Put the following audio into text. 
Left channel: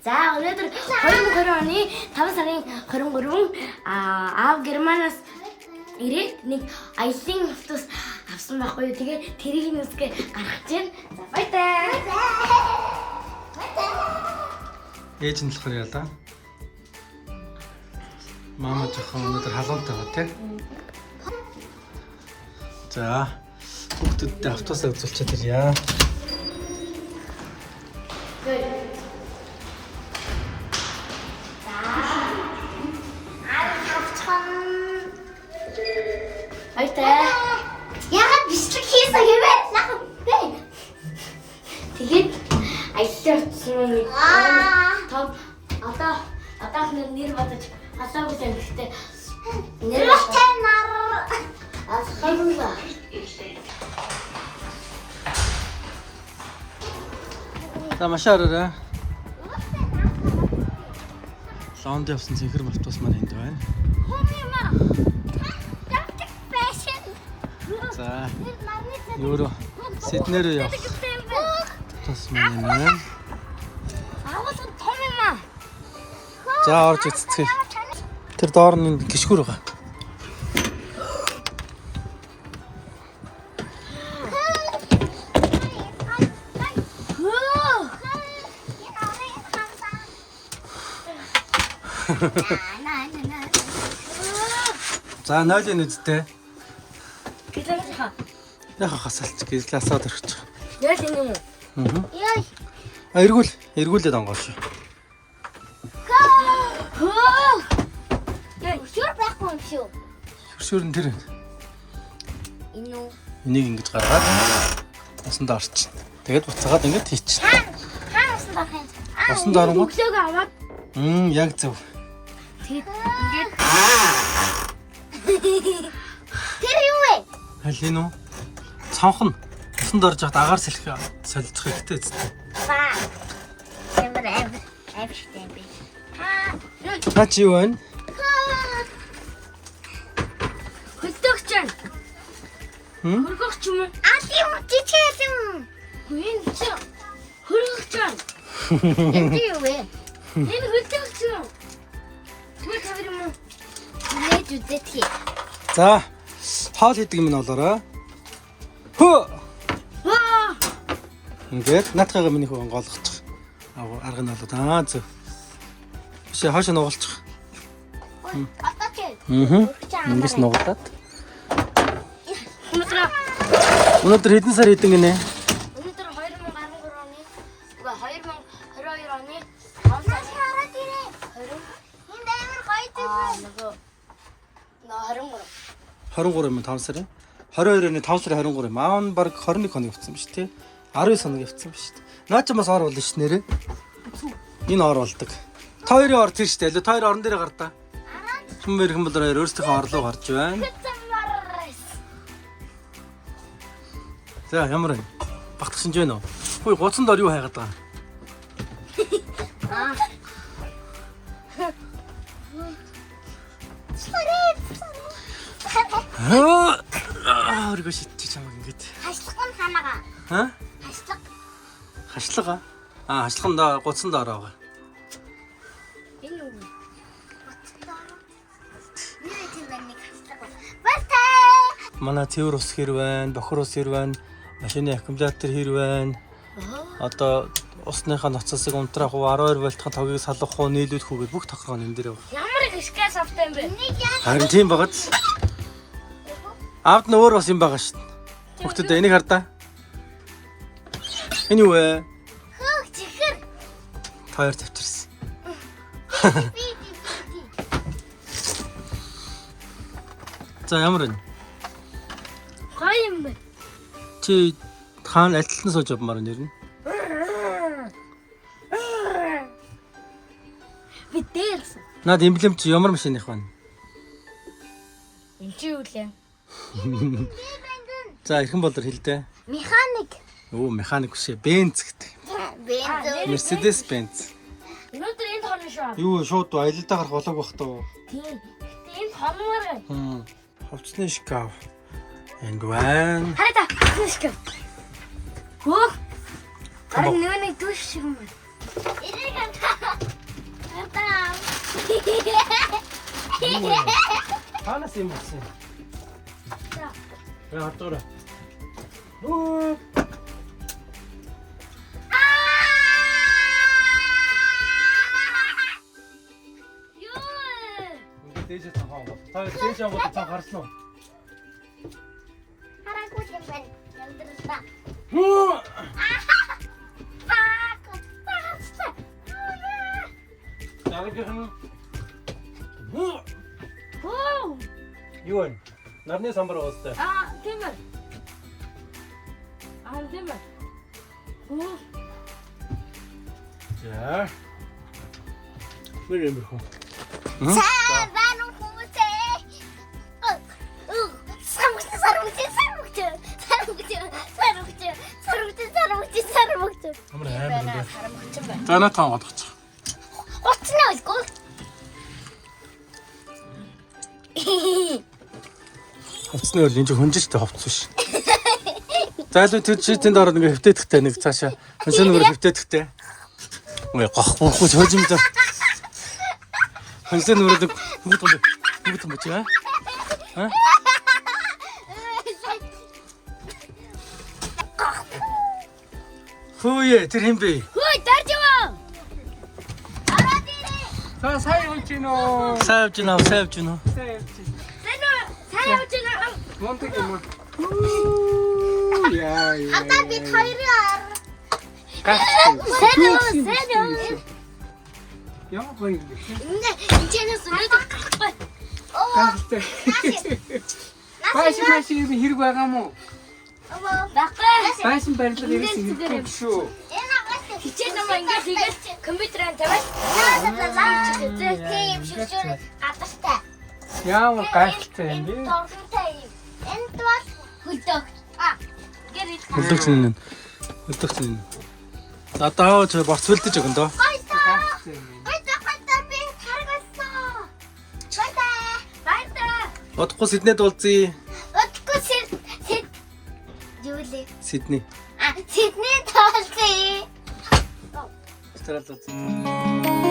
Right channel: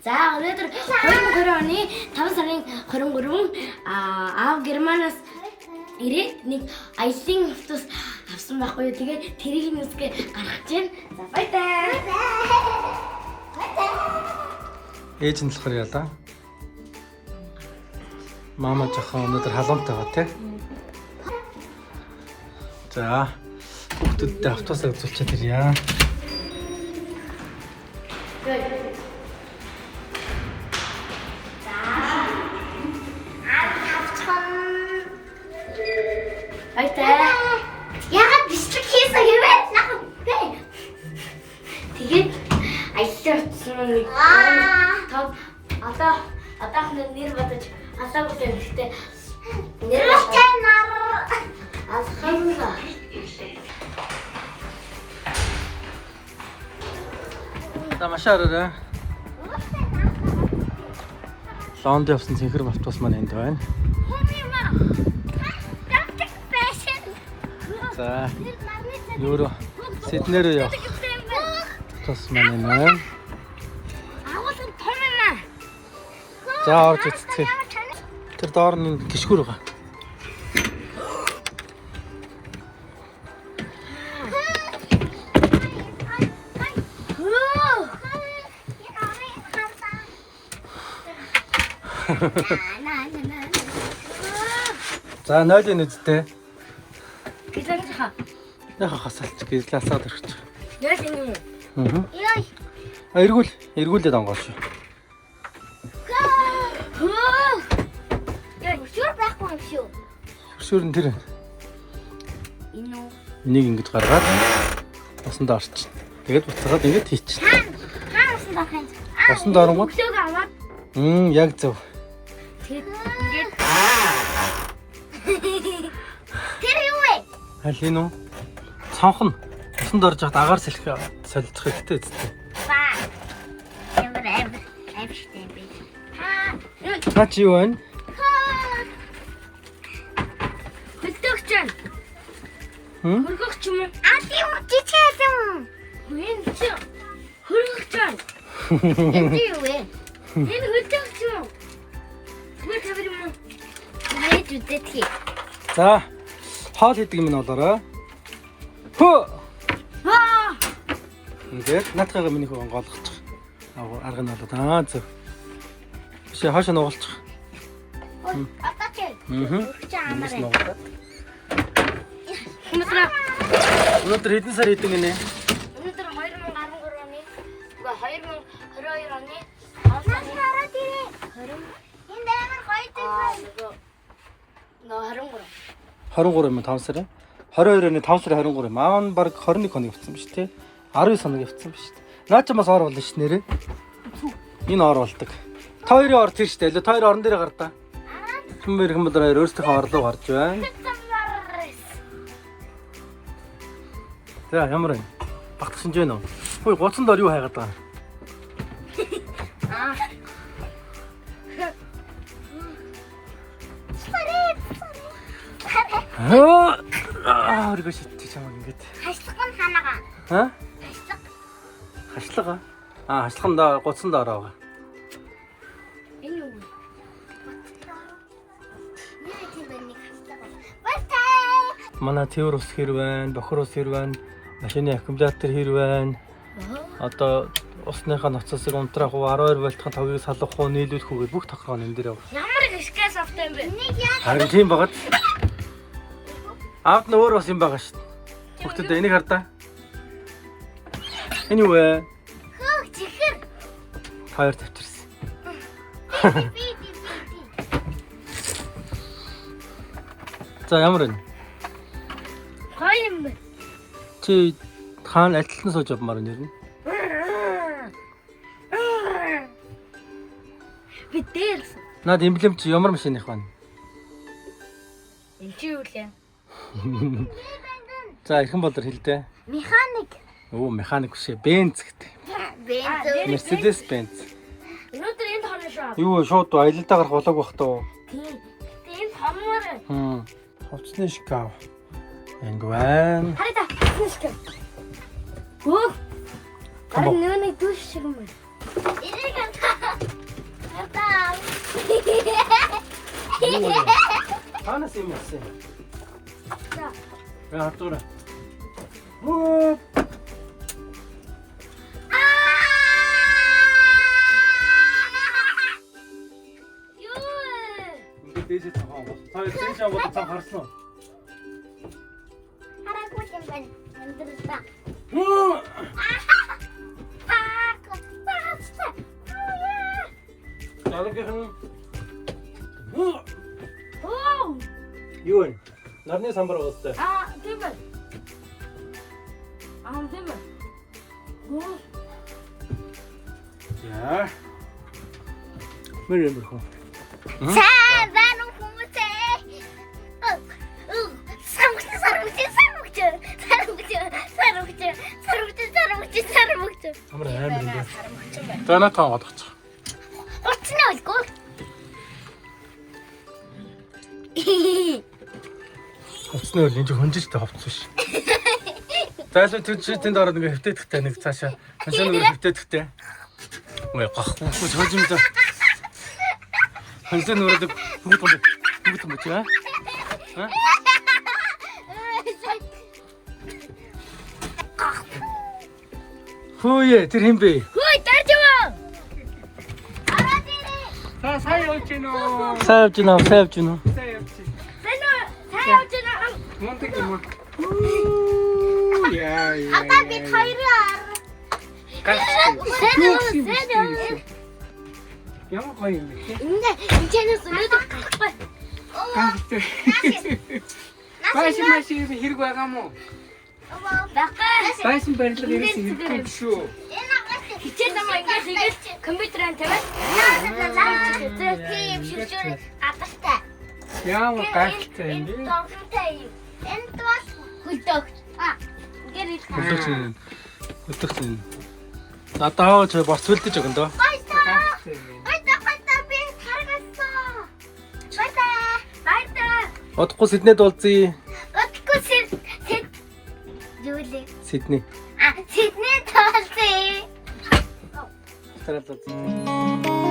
За өнөөдөр 2020 оны 5 сарын 23 аав Германаас ирээд нэг аялын автобус авсан байхгүй юу. Тэгээ тэрийг нүсгээ гаргаж байна. За баяртай. Ээж нь болохоор ялаа. Мама жоохон өнөөдөр халуунтай байгаа тий. За хүүхдүүдтэй автобусаа үзүүлчихэд ирье. Яагаад бичлэг хийсэн хэвээ? Тэгээд аялал очсон. Одоо нэр бодож асаагүй юм гэхдээ нэр нар асхайгаа. За машаараа. Лонд явсан цэнхэр автобус маань энд байна. За юу Сидней рүү явах автобус маань байна. За орж үзцгээе. Тэр доор нь гიშгүр байгаа. За нойлын үсттэй. Яха хасалч гэлээсаад өрчих. Яа тийм юм. Эргүүлээд онгоош. Хөшөр байхгүй юм шүү. Хөшөр нь тэр. Энэ үү? Энийг ингэж гаргаад усанд орч. Тэгээд буцаагаад ингэж хийчих. Хаасан дахин. Усанд оронгууд. Өглөөг аваад. Яг зөв. Тэгээд ингэж. Тэр юу вэ? Аль энэ үү? Цонх нь усанд орж хад агаар солих хэрэгтэй үстэй. Баа. Эвэр штэй би. Та чи юу вэ? Хөлтөгч юм. Хөргөгч юм уу? Али үтчих юм. Гүн чи хөргөгч юм. Энэ юу вэ? Энэ хөлтөгч юм. Түр тавир юм уу? Нээд үдэтхий. За хоол хийдэг юм болоорой. Хөө. Ингээд наатайгаа миний хөө онгойлгочих. Арга нь болоо. Зөв. Биш хаашаа нугалчих. Атач. Ингээс нугалаад. Өнөөдөр хэдэн сар хийдэг гинэ? Өнөөдөр 2013 оны. Үгүй 2022 оны 5 сарын 20. Энд амар гоё тийм. 23 юм 5 сарын. 22 оны 5 сарын 23 юм. Аа нь баг 21 хоног явцсан биз тий. 19 хоног явцсан биз тий. Наа ч бас ор болно ш нэрээ. Энэ ор болдог. Та хоёрын ор тийш дээ. Та хоёр орон дээр гар та. Хүмүүс бол хоёр өөрсдийнхөө орлоо гарч байна. За ямар вэ? Багтчихж байна уу? Хөөе гоцонд ор юу хайгаад байгаа? Оргоо шидчих чамаг ингэж. Хашлах нь ханаага. Ха? Хашлах. Хашлага. Хашлаханда гоцонд ороо. Энэ юу? Нэр тийм байна нэг хашлах. Бастай. Манай цэвэр ус хэр байна, бохор ус хэр байна, машины аккумулятор хэр байна. Одоо усныхаа ноцосыг унтраах уу, 12 вольтын тогийг салгах уу, нийлүүлэх үү гэж бүх тохиргоо энэ дээр байна. Ямар их скэс автай юм бэ? Харин тийм багт. Аавд нь өөр бас юм байгаа шүү дээ. Хүүхдүүд энийг хардаа. Энэ юу вэ? Чихэр. Таяр тавьчихсан. За ямар вэ? Гоё юм бэ? Чи хаана альталтан сууж явмаар нэр нь? Би дээрсэн. Наад эмблем чи ямар машиных байна? Энд чи юу лээ? За эрхэн болор хэлдэ. Механик. Оо механик биш Бенц гэдэг. Бенз. Mercedes Benz. Өнөөдөр энд хорно шүү. Юу шууд аялалдаа гарах болоог бах тоо. Тийм. Энд хормоор. Хувцсны шкаф. Энд байна. Хайда. Шкаф. Хөөх. Харин нэг дүүш шиг юм байна. Энийг Танаас юм болсон. За. Яа хатуураа. Юу. Ингээд дээшээ цанхаа гоо. Та дээшээ аваад цан гарсан уу? Хараагүй юм байна. Амьдралаа. Ягийнхан. Оо. Юу вэ? Нарны самбар уустай. Тийм ээ. Тийм ээ. Оо. За. Мэрэмбэр хөө. Саван хүмүүсээ. Сармugч. Амар амар энэ. За натаа бодгоц. Оцно искол. Хувцсны бол энэ чинь хөнжилтэй хувцс биш. Зайлуу тэр чи тэнд ороод ингээ хөвтөдөхтэй нэг цаашаа. Хөнсөн нүрэ хөвтөдөхтэй. Ой гохбохгүй хожимд. Хөнсөн нүрэ бүгд юм чи аа? Хөөе тэр хэм бэ? Хөөе тарж яваа. Араад ирээ. За сайн явж гинэ үү? Сайн явж гинэ. Сайн явж байна. Монтэг юм уу? Яа. Ата бид хоёроо. Сайн. Ямар гоё юм бэ? Энэ чэнэс өнөдөө гарахгүй. Гахтай. Машин хэрэг байгаа мó? Багаа. Байсан барилга ирсэн хэрэг шүү. Хичээл намаа ингэж хийгээд компьютераар тавиад тийм шилжүүр гадартай. Ямар гахтай юм бэ? Энд бас хөлдөг. Хөлдөгч. Надаа ч борцволдож өгөн дөө. Гайтай би харгасаа. Гайтай. Одохгүй Сиднейд уулзъя. Отгүй Юулээ. Сидней. Сидней таалцээ. Австралид уулзъя.